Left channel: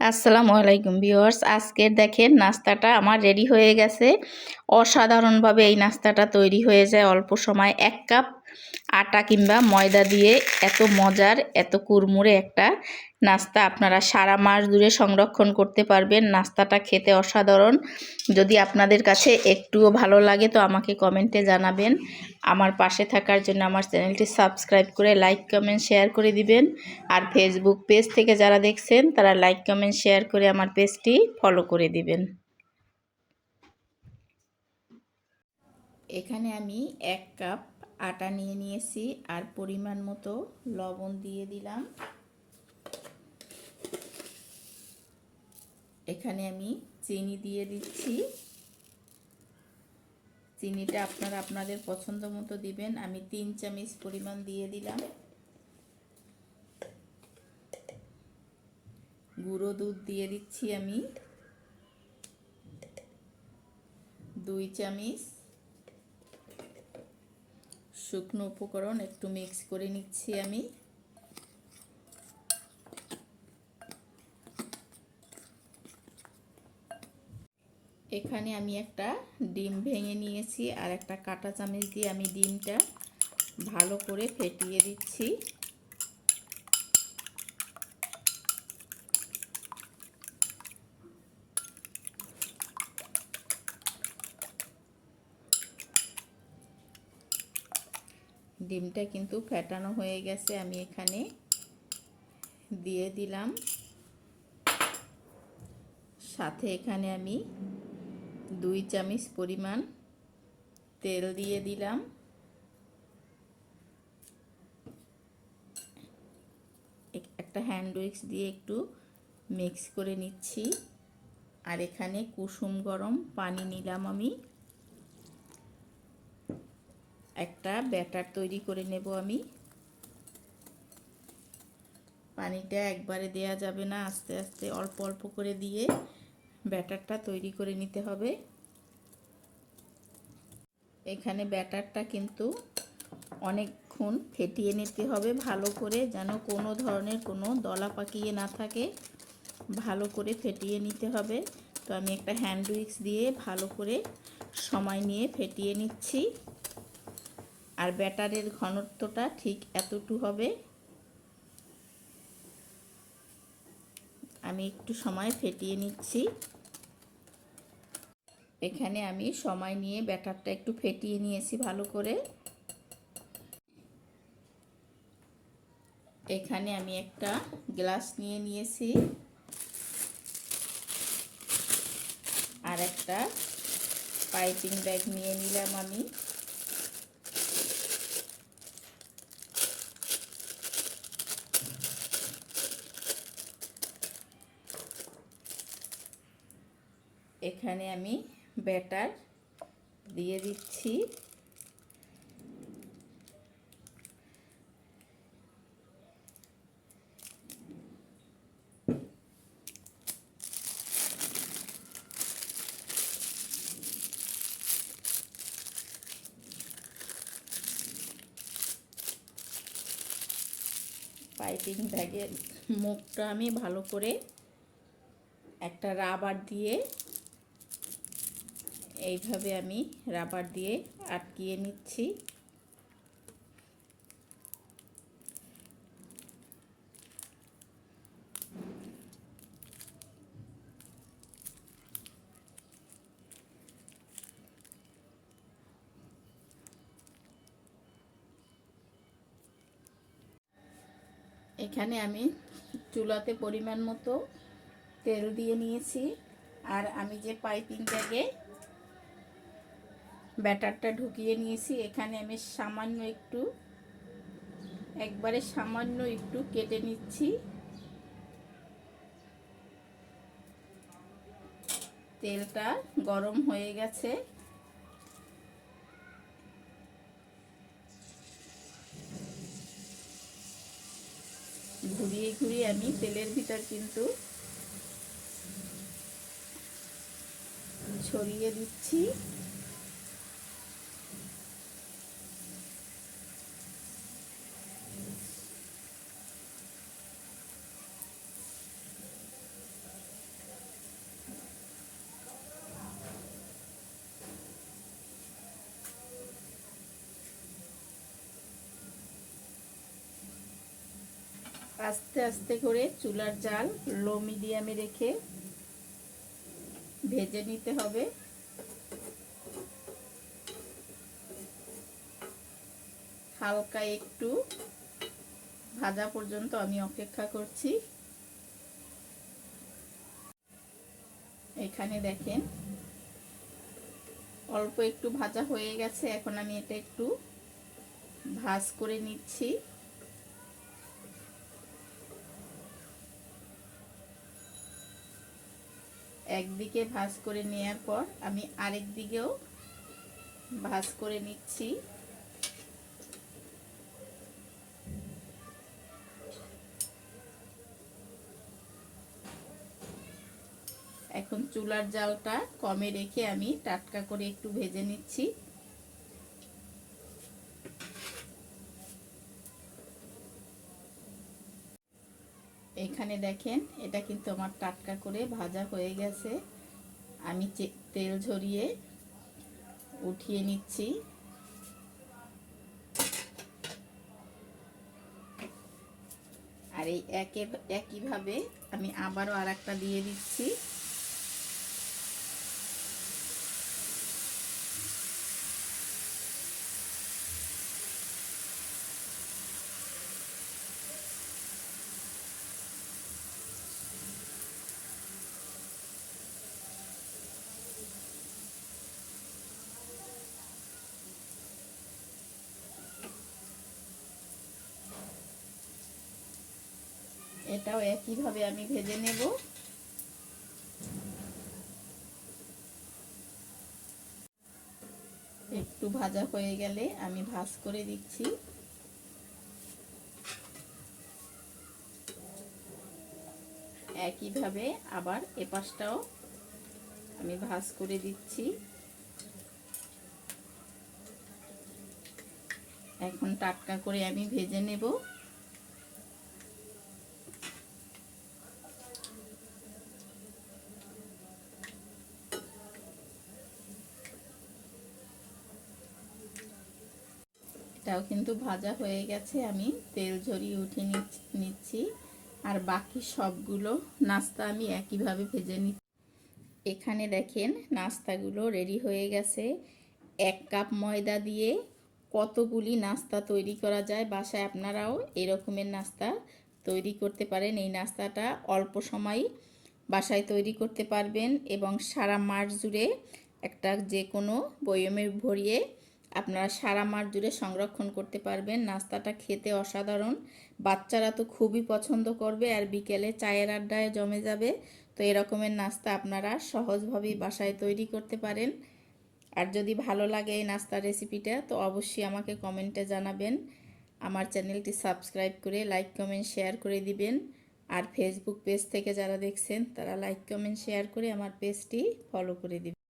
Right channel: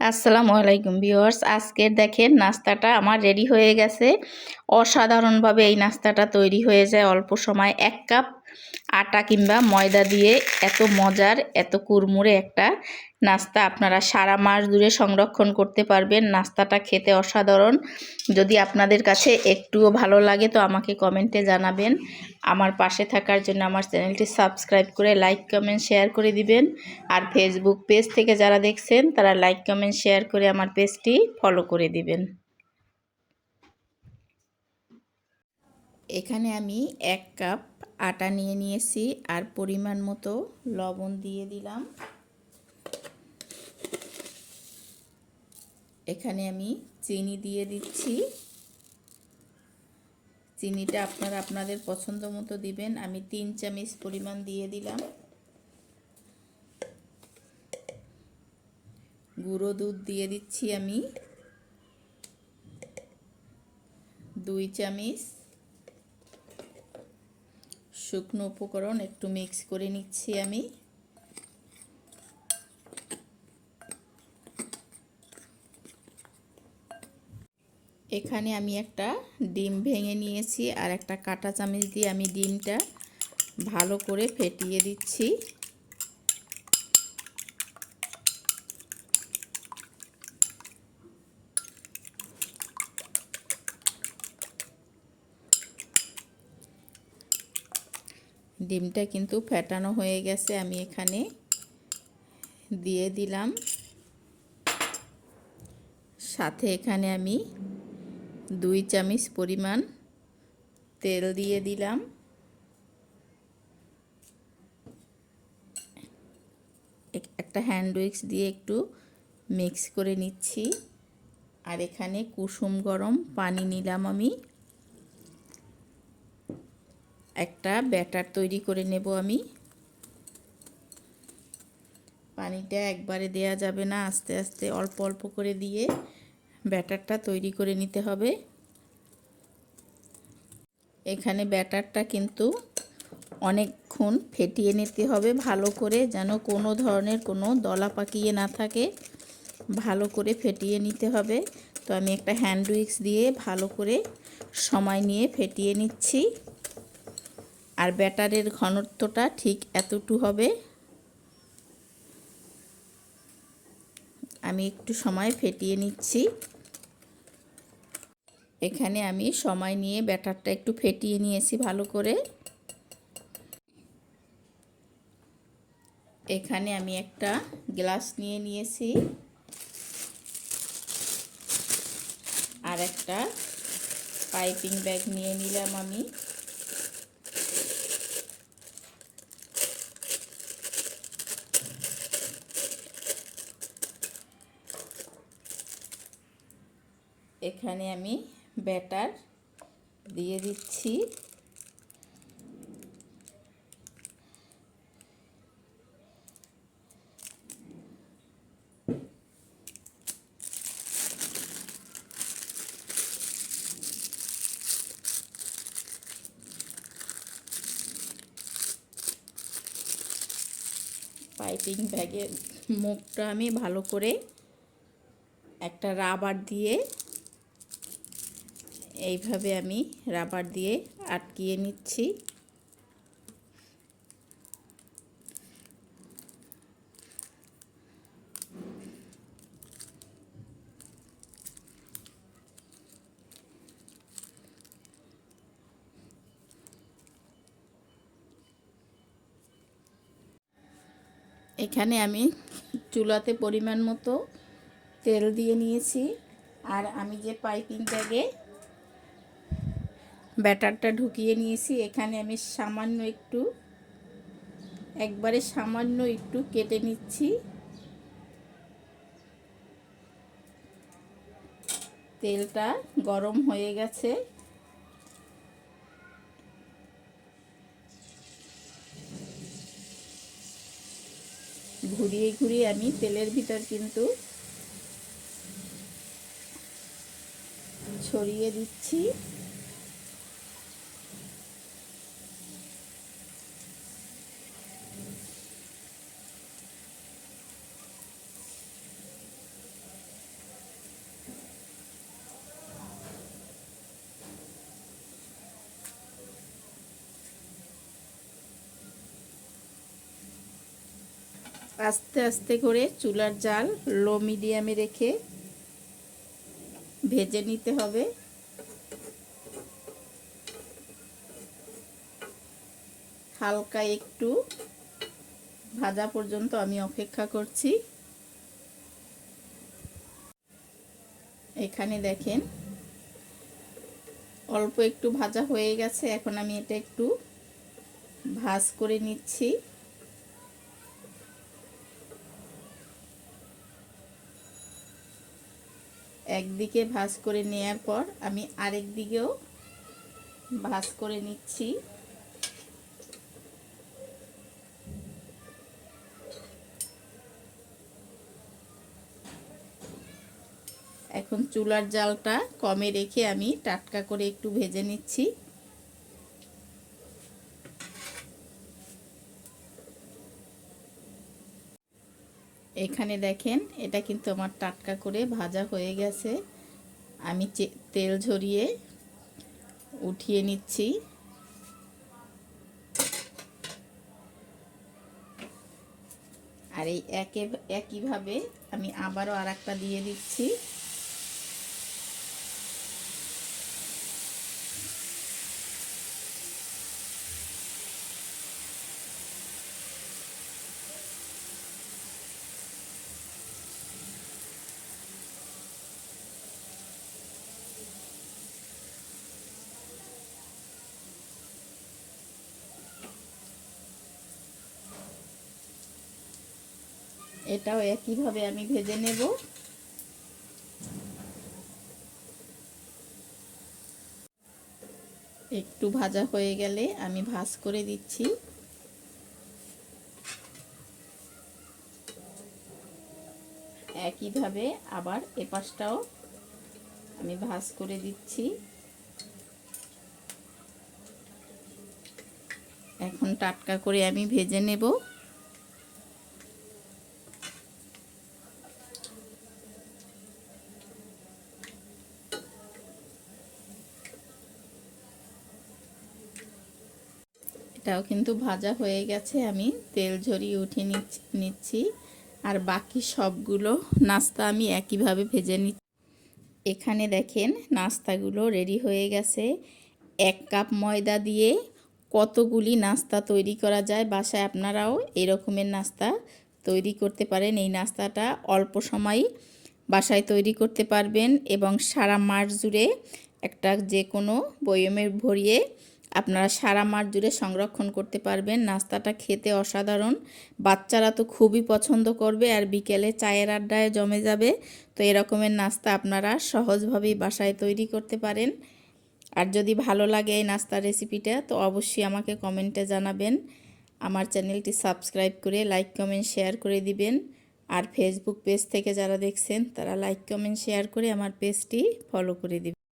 আসসালামু আলাইকুম ভিউয়ার্স। আজকের দেখেন নাস্তাটা আমার রেডি হয়ে গেছে। অসাধারণভাবে এই নাস্তাটা তৈরি হয়ে যায় অল্প সময়। এক কাপ আটা কিংবা ময়দা দিয়ে এত মজার, এত কুরমুরে একটা নাস্তা আপনারা সারা মাস ধরে সংরক্ষণ করতে পারবেন। নাস্তাটা খেতে অসাধারণ। যদি আপনাদের কাছে একটুও ভালো লাগে তো আমাকে কমেন্টে জানাবেন। আমার পাশে থাকার জন্য আমার চ্যানেলটি সাবস্ক্রাইব করে লাইক, কমেন্ট, শেয়ার করে দিবেন। আর ফেসবুক পেজ থেকে যারা দেখছেন, তারা লাইক, কমেন্ট, শেয়ার করে আমার পেজটি ফলো করে দিবেন। এখানে আমি এক কাপ আটা নিয়ে নিয়েছি আর পরিমাণ মতো লবণ দিয়ে দিলাম। এখানে আমি চিনি দিয়ে দিচ্ছি। চিনিটা আপনারা আপনাদের পছন্দ মতো দিবেন। আমি তিন চামচ পরিমাণ দিয়ে দিলাম। গুঁড়ো দুধ দিয়ে দিচ্ছি আমি। দুই চামচ শুকনো উপকরণ একটু মিক্স করে নিচ্ছি আমি। এখানে আমি একটা ডিম ভেঙে নিয়েছি আর একটা কাটা চামচ দিয়ে আমি ডিমটা ভালো করে ফেটিয়ে দিচ্ছি। ডিমটা কিন্তু ফেটানো হয়ে গেছে, আমি এখানে দিয়ে দিলাম। সাথে এখানে আমি দুই চামচ পরিমাণ তেল দিয়ে দিলাম। একটা হ্যান্ড উইক্স দিয়ে একটু মিক্স করে নিচ্ছি। আর এখানে কুসুম গরম পানি নিলাম আমি। একটা ব্যাটার তৈরি করে নেব আমি। পানিটা একবারে দেয়া যাবে না, আস্তে আস্তে অল্প অল্প করে দিয়ে ব্যাটারটা তৈরি করে নিতে হবে। এখানে ব্যাটারটা কিন্তু অনেকক্ষণ ফেটিয়ে নিতে হবে ভালো করে, যেন কোনো ধরনের কোনো দলা পাকিয়ে না থাকে। ভালো করে ফেটিয়ে নিতে হবে। তো আমি একটা হ্যান্ড উইক্স দিয়ে ভালো করে সময় নিয়ে ফেটিয়ে নিচ্ছি। আর ব্যাটারের ঘনত্বটা ঠিক এতটু হবে। আমি একটু সময় ফেটিয়ে নিচ্ছি। এখানে আমি সময় নিয়ে ব্যাটারটা একটু ফেটিয়ে নিয়েছি ভালো করে। এখানে আমি একটা গ্লাস নিয়ে নিয়েছি। আর একটা পাইপিং ব্যাগ নিয়ে নিলাম আমি। এখানে আমি ব্যাটার দিয়ে দিচ্ছি। পাইপিং ব্যাগের মুখটা আমি ভালো করে একটা রাবার দিয়ে এইভাবে আমি রাবার দিয়ে আটকিয়ে নিচ্ছি। এখানে আমি চুলাতে পরিমাণ মতো তেল দিয়ে নিয়েছি। আর আমি যে পাইপিং ব্যাগে ব্যাটারটা ঢুকিয়ে নিয়েছি। এখানে আমি সামান্য একটু, একবারে সামান্য একটু কেটে নিচ্ছি। তেলটা গরম হয়ে গেছে। ঘুরিয়ে ঘুরিয়ে আমি তেলের ভিতর কিন্তু ছড়িয়ে দিচ্ছি। আস্তে আস্তে করে চুলার জাল লো মিডিয়ামে রেখে ভেজে নিতে হবে। হালকা একটু ভাজা পর্যন্ত আমি অপেক্ষা করছি। এখানে দেখেন অল্প একটু ভাজা হয়ে গেছে, এখন আমি এটা একটু ভাজ করে নিচ্ছি। একদিকে ভাজ করে নেয়ার পর আমি আরেক দিকেও ভাজ করে নিচ্ছি। এখন চুলার জালটা কমে রেখে আমি টাটকা করে একটু ভেজে নিচ্ছি। এখানে দেখেন, এটা কিন্তু আমার টাটকা করে ভাজা হয়ে গেছে। আমি তেল ঝরিয়ে উঠিয়ে নিচ্ছি। আর এই একে, একইভাবে আমি আবারও আর দিয়ে দিচ্ছি। এটাও একইভাবে আমি ভেজে নেব। একটু ভাজা হয়ে গেলে আমি ভাজ করে দিচ্ছি। একইভাবে আবার এপাশটাও আমি ভাজ করে দিচ্ছি। এখন টাটকা করে আমি ভেজে নেব। এটাও কিন্তু ভাজা হয়ে গেছে। আমি তেল ঝরিয়ে উঠিয়ে নিচ্ছি। আর বাকি সবগুলো নাস্তা আমি একইভাবে ভেজে নিচ্ছি। এখানে দেখেন নাস্তাগুলো রেডি হয়ে গেছে। এক কাপ ময়দা দিয়ে কতগুলি নাস্তা তৈরি করা যায় বাসায় আপনারাও এরকমের নাস্তা তৈরি করতে পারেন। এই নাস্তাটা অল্প সময় বাসায় তৈরি করতে পারবেন এবং সারা মাস জুড়ে একটা যে কোনো বয়মে ভরিয়ে আপনারা সারা মাস জুড়ে সংরক্ষণ করতে পারবেন। নাস্তাটা খেতে অসাধারণ। বাচ্চারা তো খুবই পছন্দ করবে আর বিকেলে চায়ের আড্ডায় জমে যাবে। তো এরকমের নাস্তা আপনারা সহজভাবেই বাসায় তৈরি করতে পারেন। আর যদি ভালো লাগে এই নাস্তার রেসিপিটা, তো অবশ্যই আমাকে কমেন্টে জানাবেন। আমার চ্যানেলটি সাবস্ক্রাইব করে লাইক, কমেন্ট, শেয়ার করে দিবেন। আর ফেসবুক পেজ থেকে যারা দেখছেন, তারা লাইক, কমেন্ট, শেয়ার করে আমার পেজটি ফলো করে দিবেন।